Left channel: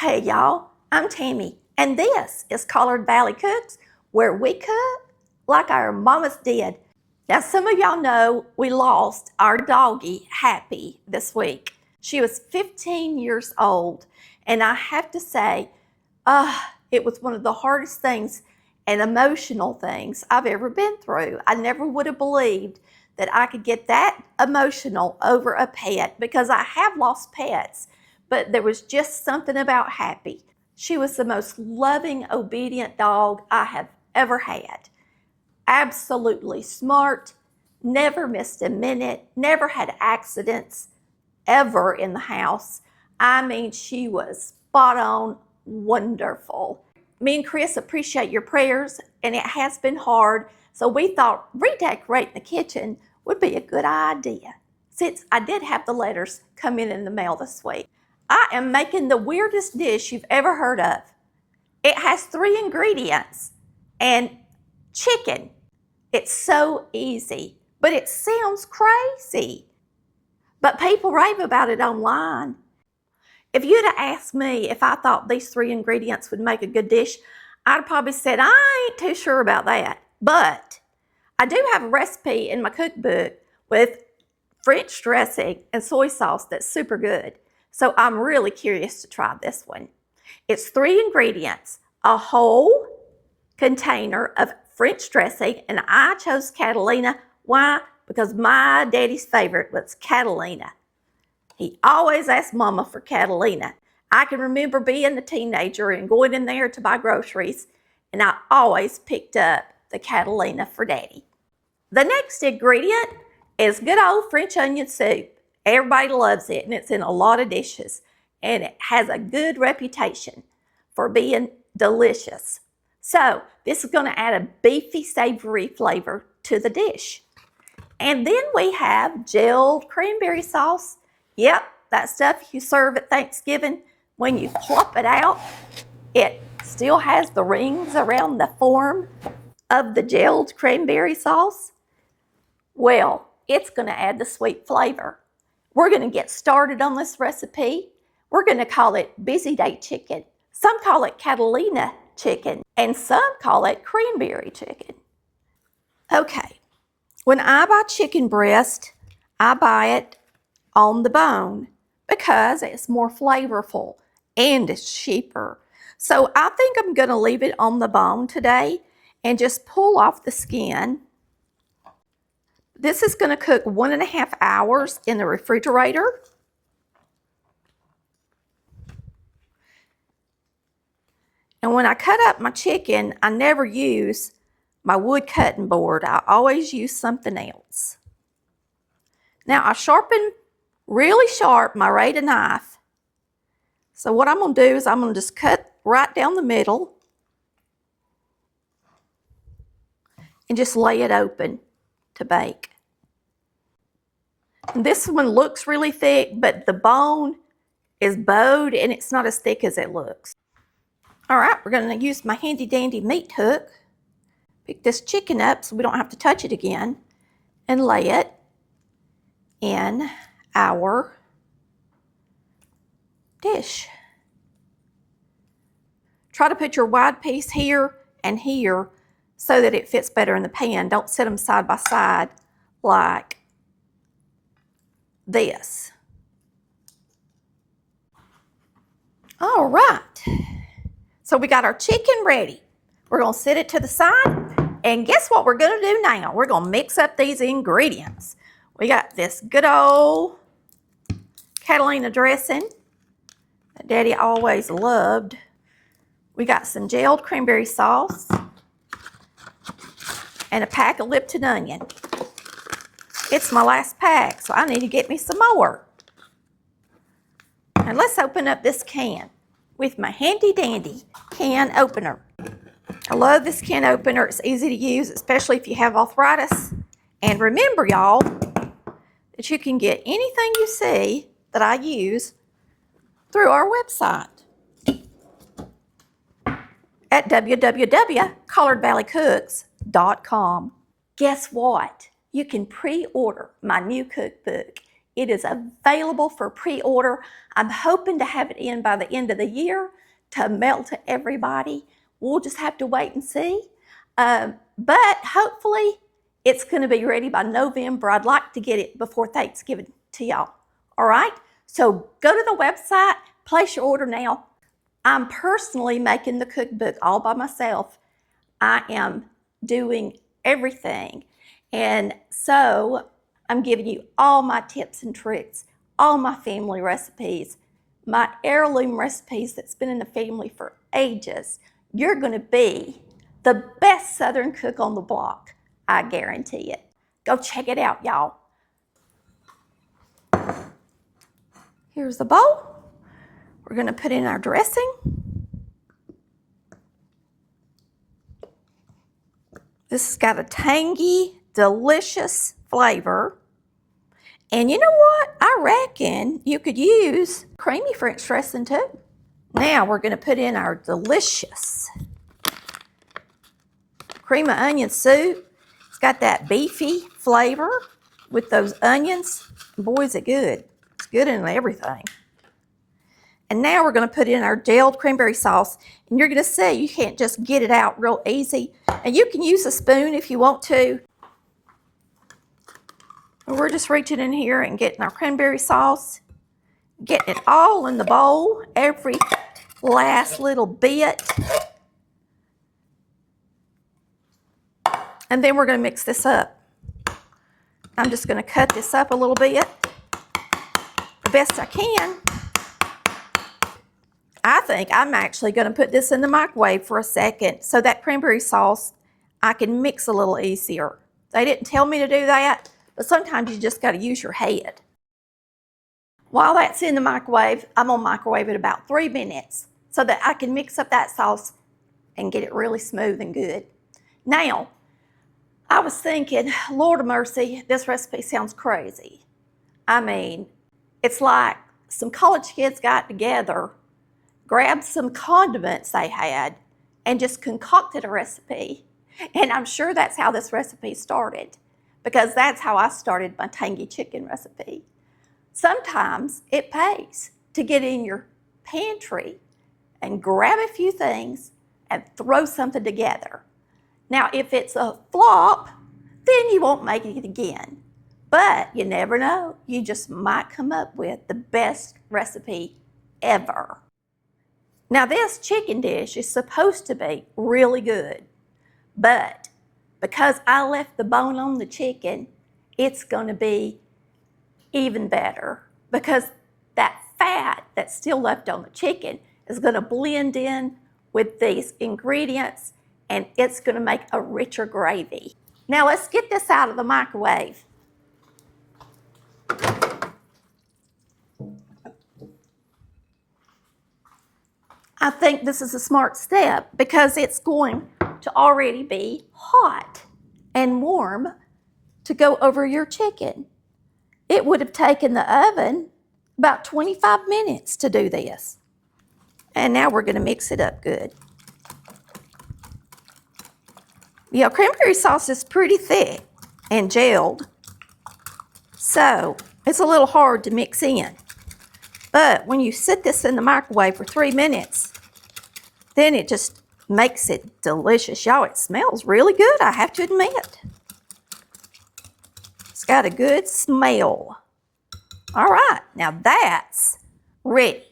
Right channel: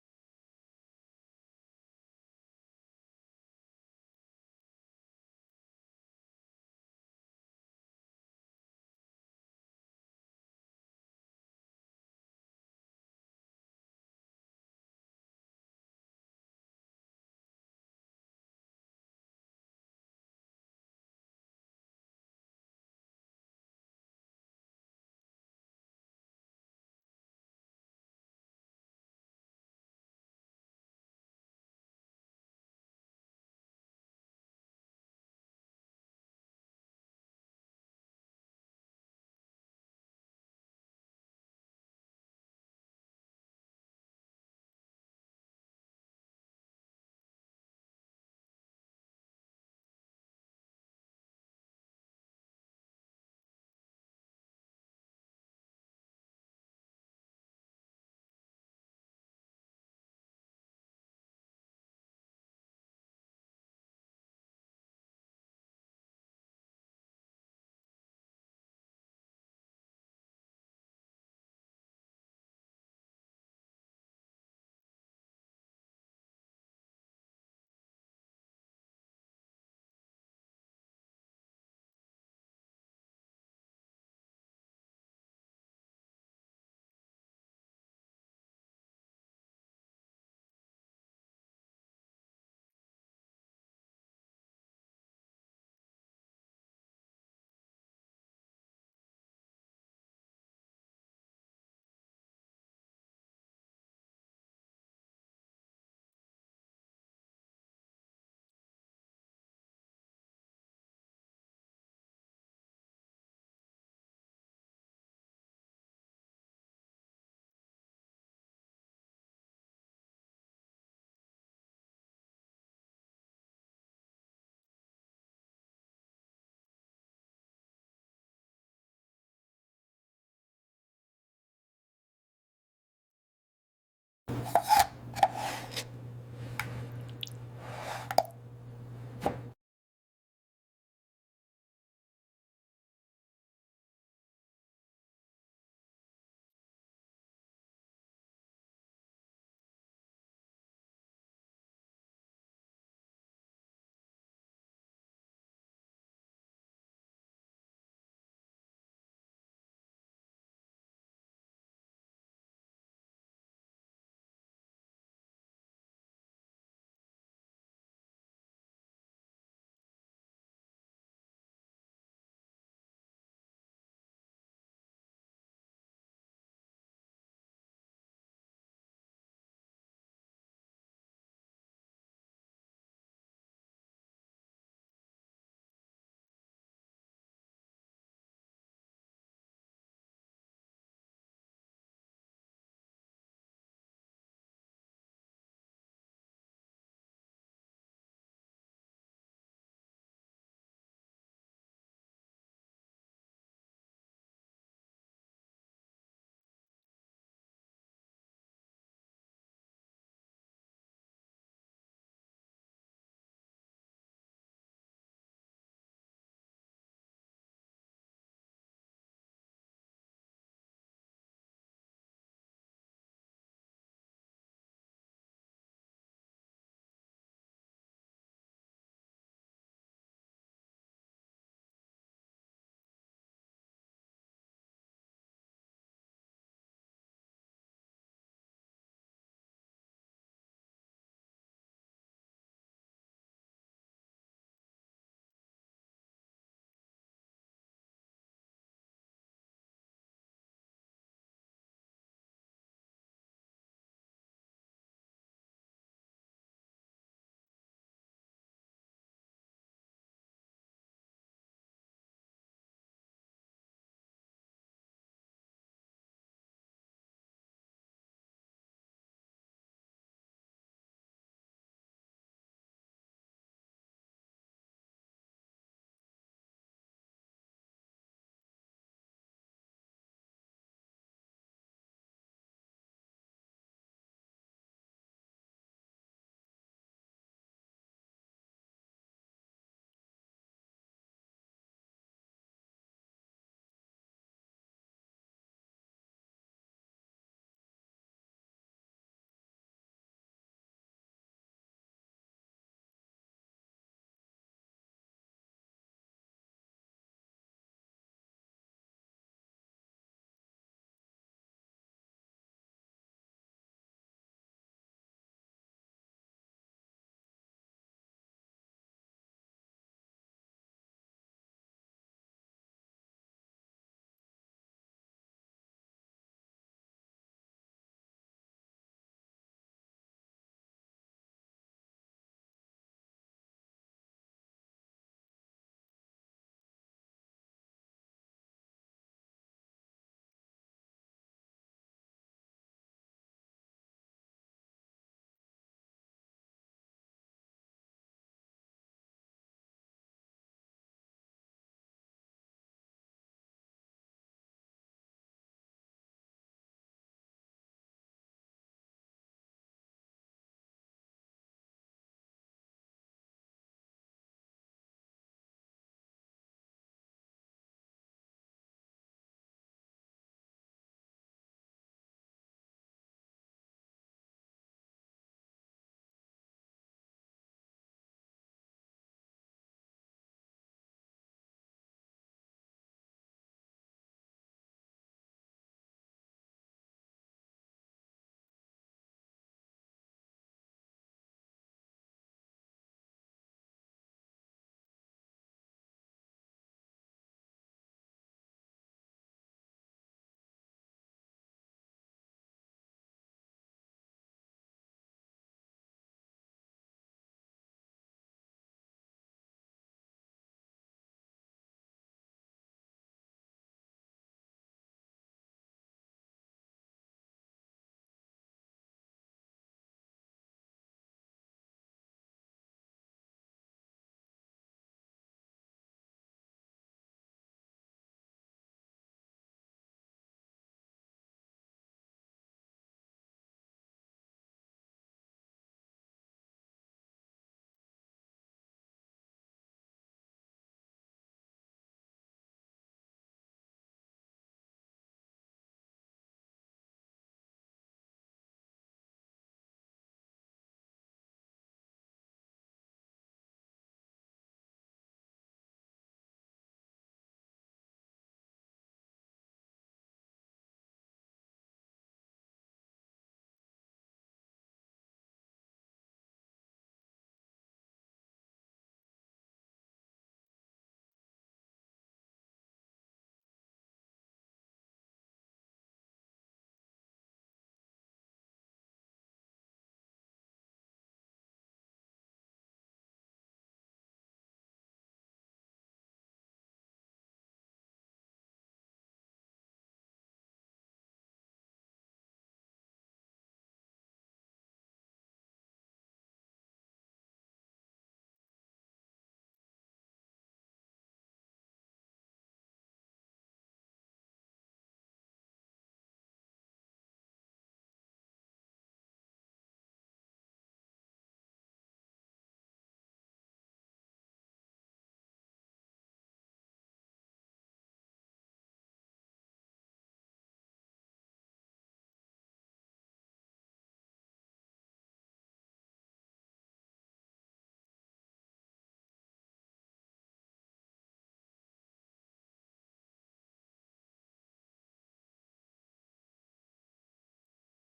Hey y'all, I'm Tammy, and this is Collard Valley Cooks, where we cook like our mamas did. Now, some of y'all know we lost our doggie, Happy, this week. She was 15 years old, and I have to say, it was one of the hardest things and emotional things I've ever been through. I never would have believed that I could get that emotional over a pet, because I have lost pets, but there was just something about Happy. She was the most loving, obedient dog I have ever had. Absolutely smart, never missed a minute, never had accidents ever in the house. I mean, she was spot on, wonderful. Me and Chris appreciate your prayers, and it has been hard, so we thought redecorating the kitchen would be a good idea, since I did have the letters come in the mail this week. I am making the weirdest dish you've ever heard of. It has 3 ingredients and chicken. It's so easy, but it sounds crazy. But people rave about it online. If you'd have asked me if I thought these 3 ingredients would make a good dish, I'd have probably said, I ain't too sure about that. But I do have a recipe in my cookbook with French dressing and soy sauce that's super good. So I'm really curious to try this one. It's 3 ingredients: a whole container of French dressing, and I chose Catalina. Why? Because my daddy's favorite was Catalina. He always asked Mama for Catalina. I can remember being a teenager and going in there to buy groceries, and I always picked up the Catalina for Daddy. The next ingredient is good old French onion soup. Everybody loves it, and it's in a lot of dishes, and it has a good reputation for being delicious. So this is going to add a beefy, savory flavor to the dish. And then we have gelled cranberry sauce. Yep, that stuff you serve at Thanksgiving. When you plop it out, it still has the rings around the form of the gelled cranberry sauce. Well, it's going to add the sweet flavor. We're going to get started on this recipe. We're going to call it Busy Day Chicken. Some call it Catalina chicken, and some call it cranberry chicken. Okay, when I buy chicken breast, I buy it on the bone because it's more flavorful and it's cheaper. So I think I'm going to leave it on the bone today and just pull off the skin. This is going to cook 1.5 hours in the refrigerator. And when I cut up my chicken, I never use my wood cutting board. I always use something else. Now I sharpen really sharp my Rada knife. So what I'm going to do is I'm going to just cut right down the middle and just lay it open to bake. And this one looks really thick, but the bone is bowed and it's not as thick as it looks. All right, we're going to use my handy dandy meat hook. Pick this chicken up so we don't have to touch it again, and lay it in our dish. Try to put your wide piece here and here so that it fits better in the pan. Don't set them side by side like this. All right, so we got our chicken ready. We're going to set it to the side, and guess what we're going to do now? We're going to mix up these ingredients. We got this good old Catalina dressing that Daddy always loved. We got some gelled cranberry sauce and a pack of Lipton onion. It's my last pack, so I need to get me some more. And let's open up this can with my handy dandy can opener. I love this can opener. It's easy to use, especially if you have arthritis. And remember, y'all, that you can get anything you see that I use through our website at www.collardvalleycooks.com. Guess what? You can pre-order my new cookbook. It is available for pre-order. I'm hoping to have it in by the end of the year to mail to everybody. We'll just have to wait and see. But hopefully it's going to be ready by November. I'd like to get it before Thanksgiving to y'all. All right? So go to the website, place your order now. I'm personally making the cookbook all by myself. I am doing everything. And so I'm giving you all my tips and tricks, all my family recipes, my heirloom recipes that's been in the family for ages. You're going to be the best Southern cook on the block. I guarantee it. Go check it out, y'all. Here's the bowl. We're going to put in our dressing. This has got a tangy, delicious flavor. And you know what? I reckon you could use creamy French dressing too. Now we're going to put in our delicious cream of onion soup. It's got that beefy flavor with those onions. Boy, is it good. It's good in everything. And now we're going to put in our gelled cranberry sauce. And you're going to see you can't just get it out real easy. And you can use a spoon if you want to. And we're just reaching in here and getting our cranberry sauce. Getting it all in the bowl. Every last little bit. And then we're going to mix this up. I'm just going to cut this up a little bit. The best I can. I think I'm actually going to put this in the microwave for a second so that cranberry sauce I can mix a little easier. They didn't tell me to do that, but sometimes you just got to use your head. While that's in the microwave, I'm going to microwave it about 3 minutes so that I can mix up that sauce and get it really smooth and good. Now, I was thinking, Lord of mercy, this recipe sounds crazy. I mean, it's like some college kids got together, grabbed some condiments they had, and just concocted a recipe. And I'm sure that's how this recipe started, because that's how I started my tangy chicken recipe. Sometimes it pays to get in your pantry and grab a few things and throw something together. Now, if it's a flop, then you won't make it again. But you never know. You just might come up with the best recipe ever. Now, this chicken dish is supposed to be really good, but because I left the bone on the chicken, it's going to be even better because that fat that's still left on the chicken is going to blend in with these ingredients, and it's going to make a richer gravy. Now, let's get this out of the microwave. I think this is a smart step because it's going to already be hot and warm to go over your chicken. It would have taken the oven about 25 minutes to do this. And now we're going to mix it up good. You know, cranberry sauce is pretty thick and gelled, so it's a little hard to mix in. But when you sit this in the microwave for 3 minutes, then it just makes it delicious. Y'all, it smells really good, I have to admit. It's got a good smell. All right, now that's ready.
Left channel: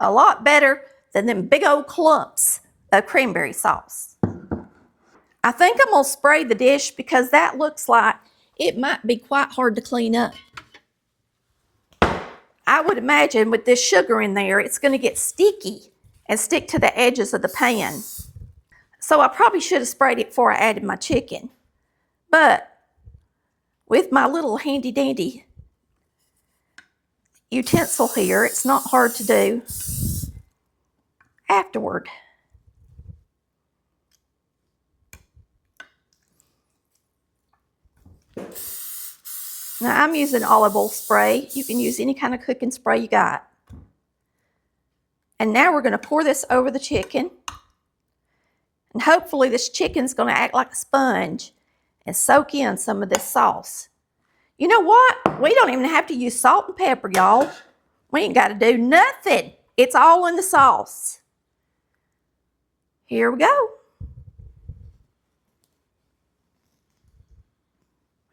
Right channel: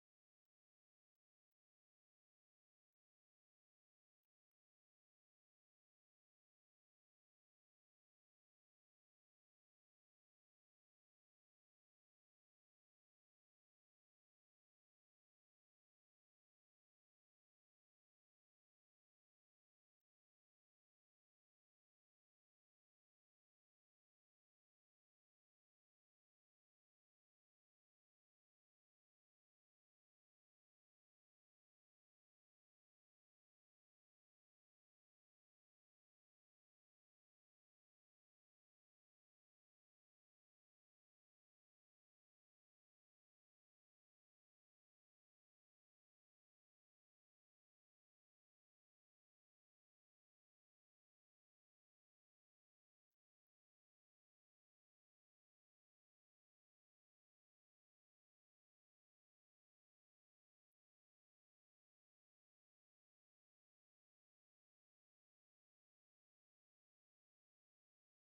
A lot better than them big old clumps of cranberry sauce. I think I'm gonna spray the dish because that looks like it might be quite hard to clean up. I would imagine with this sugar in there, it's gonna get sticky and stick to the edges of the pan. So I probably should have sprayed it before I added my chicken. But with my little handy dandy utensil here, it's not hard to do afterward. Now I'm using olive oil spray. You can use any kind of cooking spray you got. And now we're going to pour this over the chicken. And hopefully this chicken's going to act like a sponge and soak in some of this sauce. You know what? We don't even have to use salt and pepper, y'all. We ain't got to do nothing. It's all in the sauce. Here we go.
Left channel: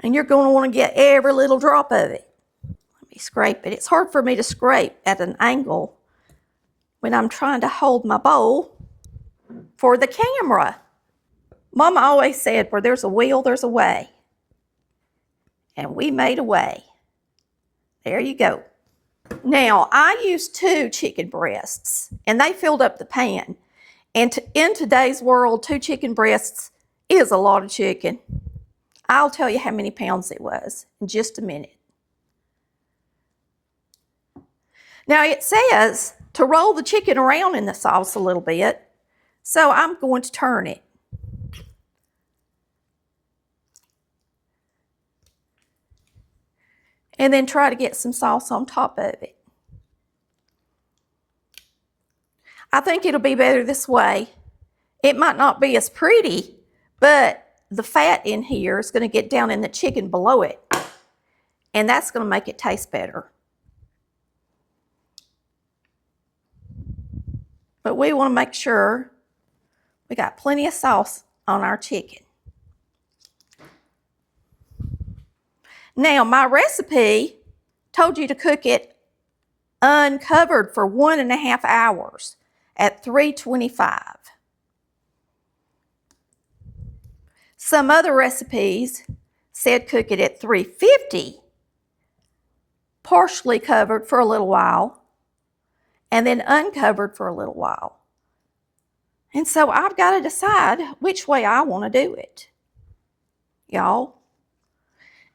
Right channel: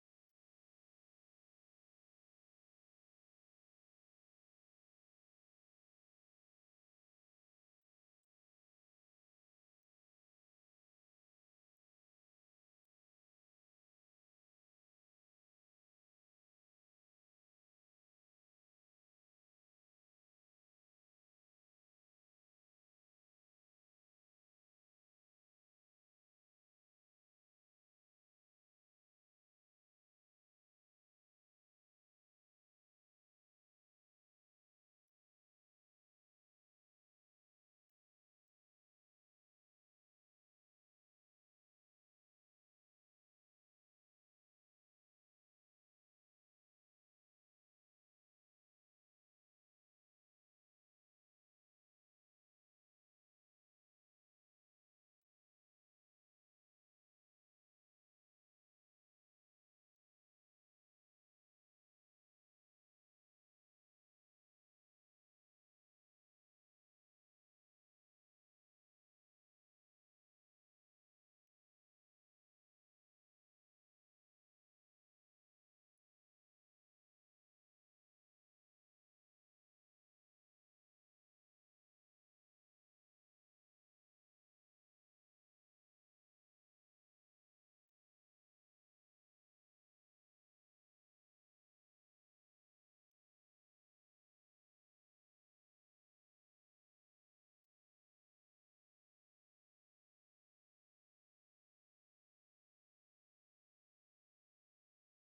And you're going to want to get every little drop of it. Let me scrape it. It's hard for me to scrape at an angle when I'm trying to hold my bowl for the camera. Mama always said, where there's a will, there's a way. And we made a way. There you go. Now, I used 2 chicken breasts, and they filled up the pan. And in today's world, 2 chicken breasts is a lot of chicken. I'll tell you how many pounds it was in just a minute. Now, it says to roll the chicken around in the sauce a little bit, so I'm going to turn it. And then try to get some sauce on top of it. I think it'll be better this way. It might not be as pretty, but the fat in here is going to get down in the chicken below it. And that's going to make it taste better. But we want to make sure we got plenty of sauce on our chicken. Now, my recipe told you to cook it uncovered for 1.5 hours at 325. Some other recipes said cook it at 350, partially covered for a little while, and then uncovered for a little while. And so I've got to decide which way I want to do it, y'all.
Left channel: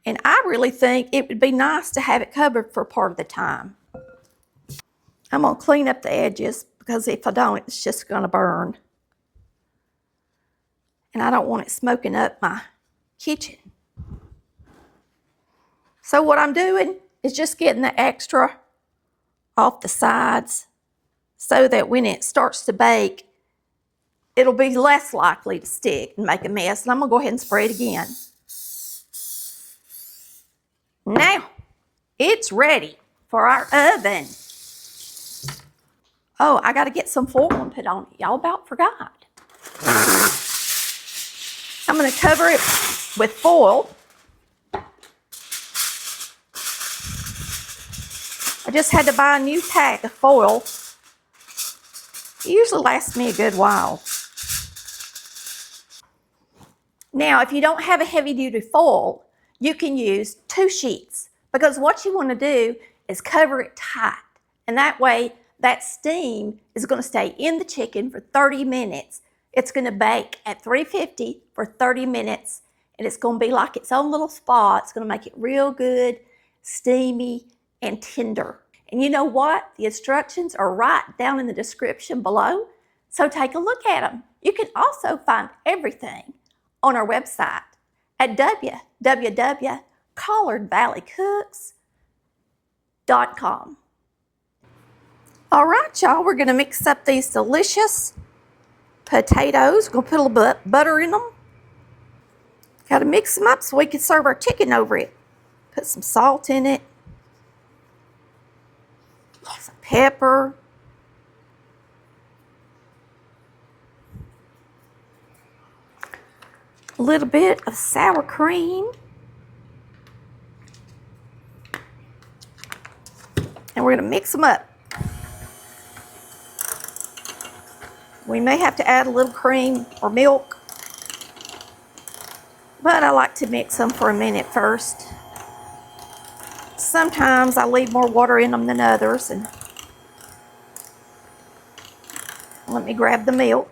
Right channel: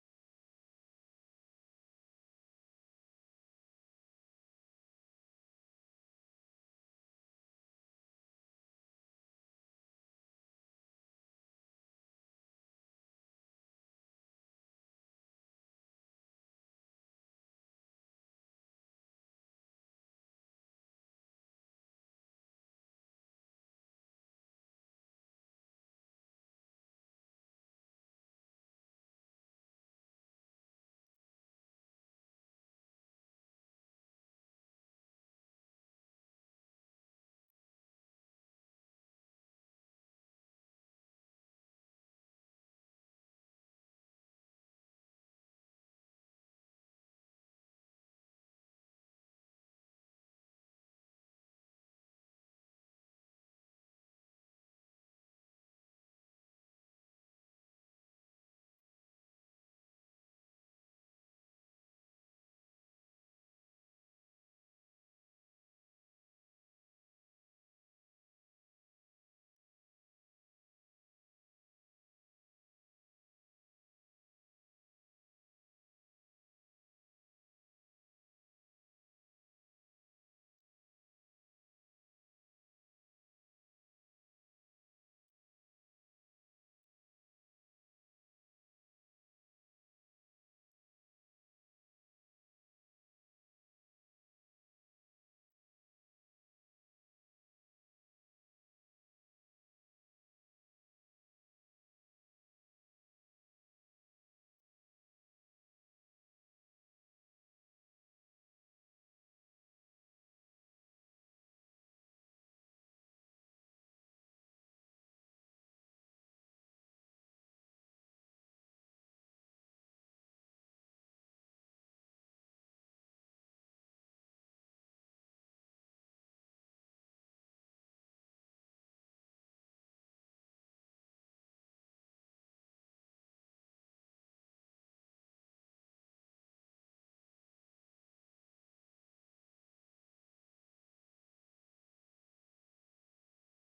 And I really think it would be nice to have it covered for part of the time. I'm going to clean up the edges because if I don't, it's just going to burn. And I don't want it smoking up my kitchen. So what I'm doing is just getting the extra off the sides so that when it starts to bake, it'll be less likely to stick and make a mess. And I'm going to go ahead and spray it again. Now, it's ready for our oven. Oh, I got to get some foil and put on it. Y'all about forgot. I'm going to cover it with foil. I just had to buy a new pack of foil. It usually lasts me a good while. Now, if you don't have a heavy-duty foil, you can use 2 sheets because what you want to do is cover it tight. And that way, that steam is going to stay in the chicken for 30 minutes. It's going to bake at 350 for 30 minutes, and it's going to be like its own little spa. It's going to make it real good, steamy, and tender. And you know what? The instructions are right down in the description below, so take a look at them. You can also find everything on our website at www.collardvalleycooks.com. All right, y'all, we're going to mix up these delicious potatoes. We're going to put a little butter in them. Got to mix them up so we can serve our chicken over it. Put some salt in it. Some pepper. A little bit of sour cream. And we're going to mix them up. We may have to add a little cream or milk, but I like to mix them for a minute first. Sometimes I leave more water in them than others. And let me grab the milk.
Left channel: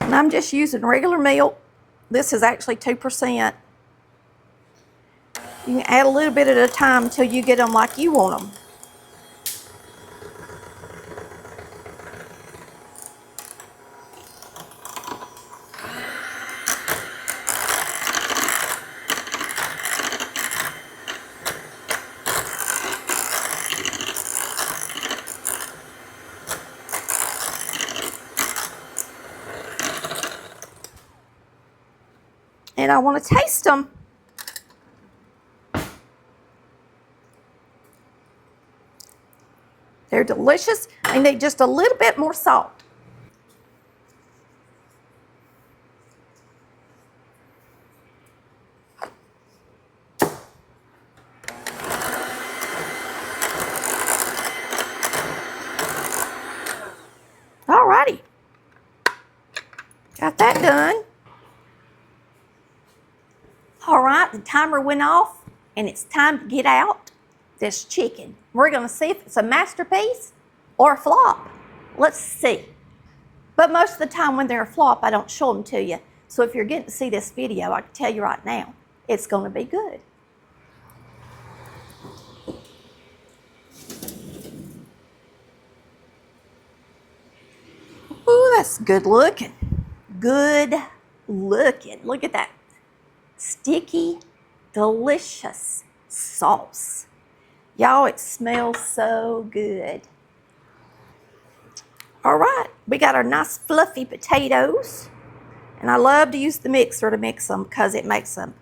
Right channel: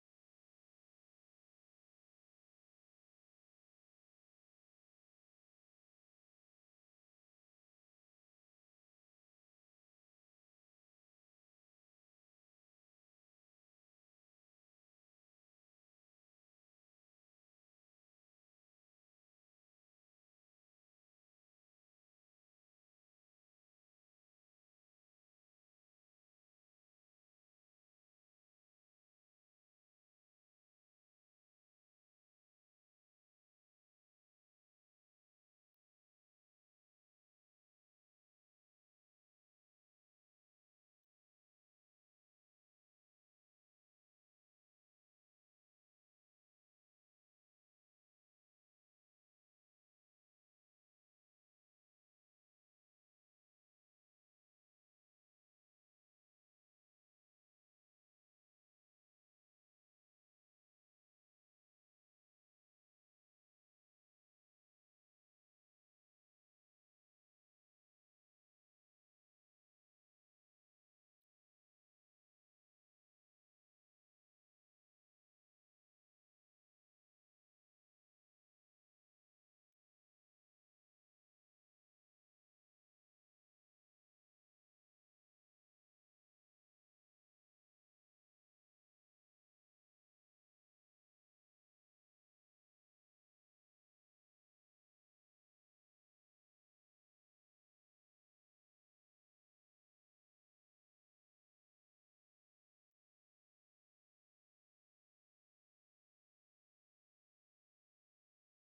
And I'm just using regular milk. This is actually 2%. You can add a little bit at a time until you get them like you want them. And I want to taste them. They're delicious. They need just a little bit more salt. Alrighty. Got that done. All right, the timer went off and it's time to get out this chicken. We're gonna see if it's a masterpiece or a flop. Let's see. But most of the time when they're a flop, I don't show them to you. So if you're getting to see this video, I can tell you right now, it's gonna be good. Ooh, that's good looking. Good looking. Look at that. Sticky, delicious sauce. Y'all, it smells so good. All right, we got our nice fluffy potatoes. And I love to use the mixer to mix them because it makes them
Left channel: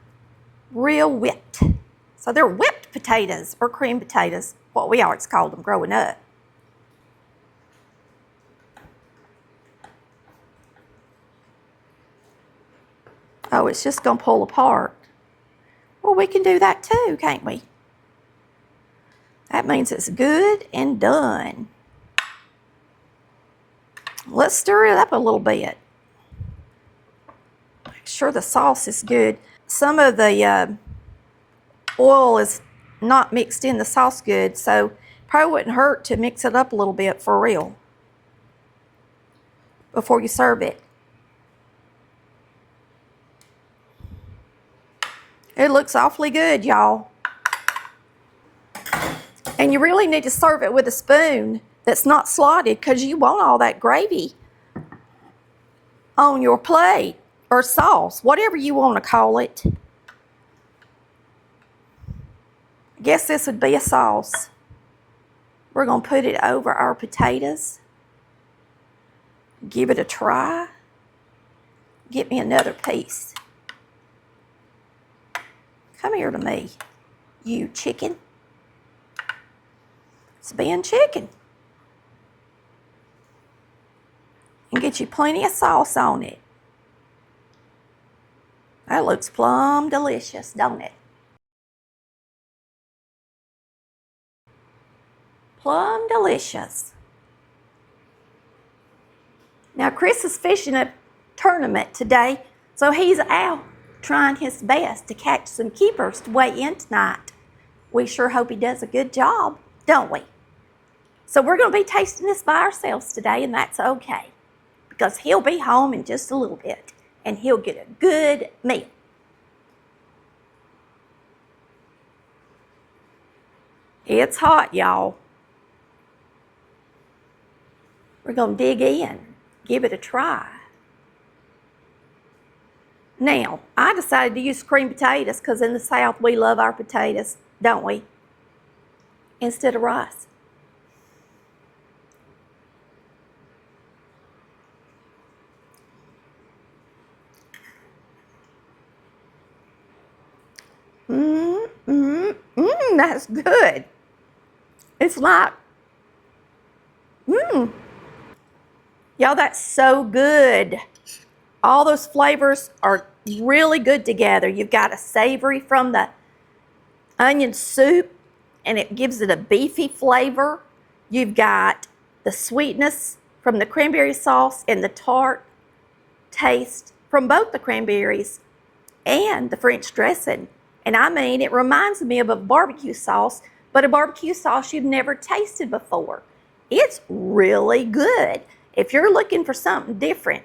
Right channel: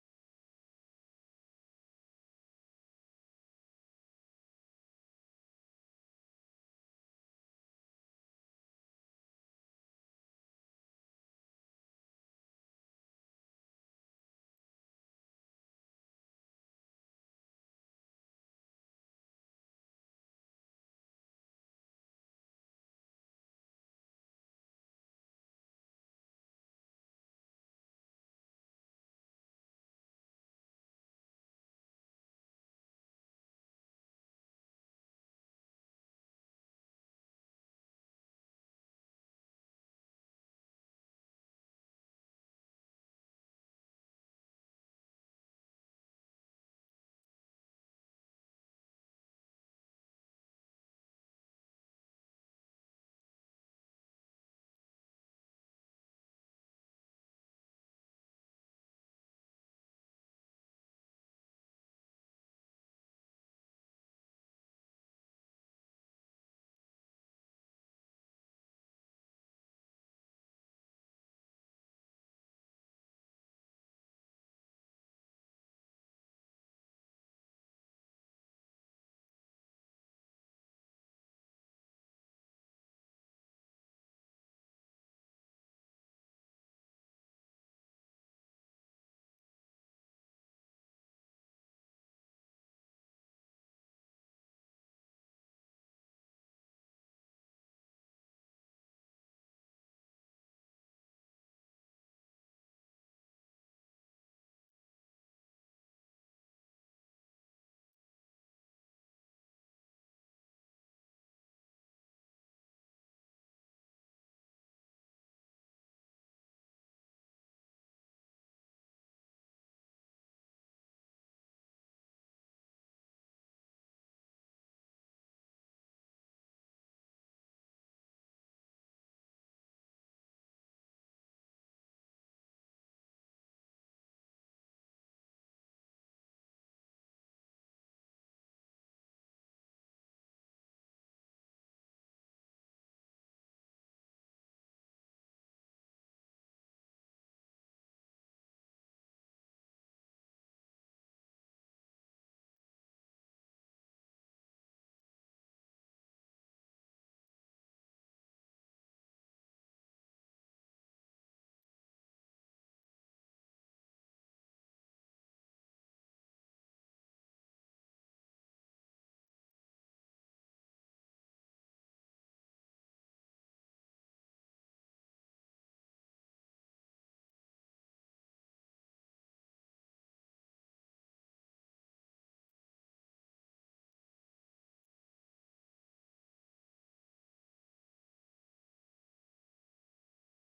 real whipped. So they're whipped potatoes or cream potatoes, what we always called them growing up. Oh, it's just gonna pull apart. Well, we can do that too, can't we? That means it's good and done. Let's stir it up a little bit. Make sure the sauce is good. Some of the oil is not mixed in the sauce good, so probably wouldn't hurt to mix it up a little bit for real before you serve it. It looks awfully good, y'all. And you really need to serve it with a spoon that's not slotted because you want all that gravy on your plate or sauce, whatever you want to call it. I guess this would be a sauce. We're going to put it over our potatoes. Give it a try. Get me another piece. Come here to me, you chicken. It's being chicken. And get you plenty of sauce on it. That looks plumb delicious, don't it? Plumb delicious. Now, Chris is fishing a tournament today, so he's out trying his best to catch some keepers to weigh in tonight. We sure hope he does a good job, don't we? So we're going to be tasting this by ourselves today, and that's okay, because he'll be home in just a little bit, and he'll get a good meal. It's hot, y'all. We're going to dig in, give it a try. Now, I decided to use cream potatoes because in the South we love our potatoes, don't we? Instead of rice. That's good. It's like, y'all, that's so good. All those flavors are really good together. You've got a savory from the onion soup, and it gives it a beefy flavor. You've got the sweetness from the cranberry sauce and the tart taste from both the cranberries and the French dressing. And I mean, it reminds me of a barbecue sauce, but a barbecue sauce you've never tasted before. It's really good. If you're looking for something different,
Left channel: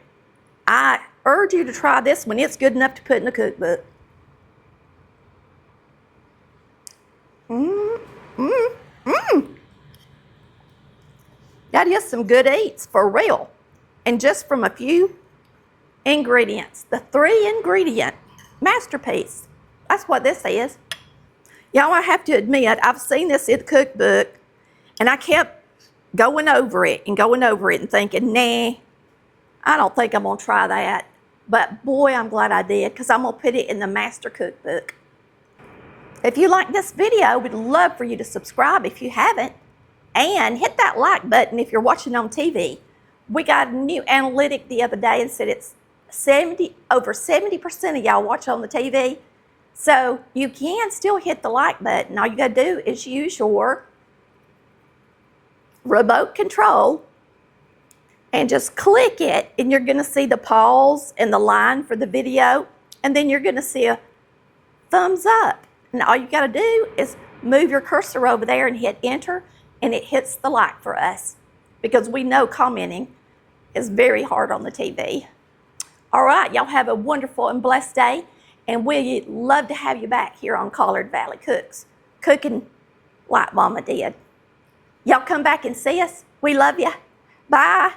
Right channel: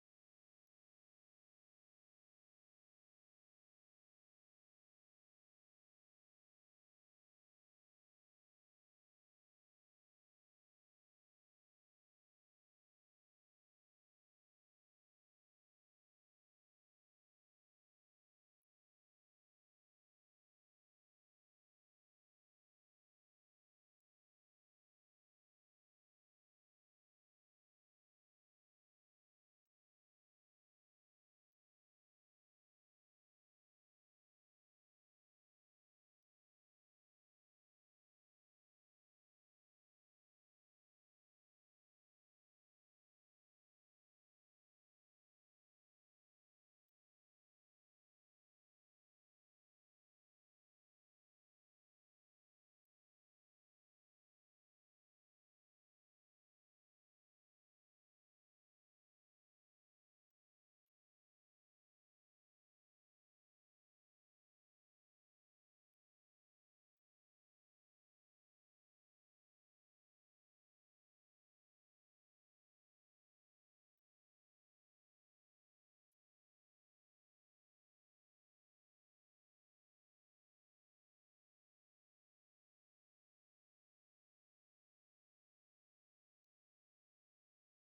I urge you to try this one. It's good enough to put in the cookbook. That is some good eats for real. And just from a few ingredients. The 3-ingredient masterpiece. That's what this is. Y'all, I have to admit, I've seen this in the cookbook, and I kept going over it and thinking, nah, I don't think I'm gonna try that. But boy, I'm glad I did, because I'm gonna put it in the master cookbook. If you like this video, we'd love for you to subscribe if you haven't. And hit that like button if you're watching on TV. We got a new analytic the other day and said it's over 70% of y'all watch on the TV. So you can still hit the like button. All you gotta do is use your remote control and just click it, and you're gonna see the pause and the line for the video, and then you're gonna see a thumbs up. And all you gotta do is move your cursor over there and hit enter, and it hits the like for us, because we know commenting is very hard on the TV. All right, y'all have a wonderful and blessed day, and we'd love to have you back here on Collard Valley Cooks, cooking like Mama did. Y'all come back and see us. We love you. Bye.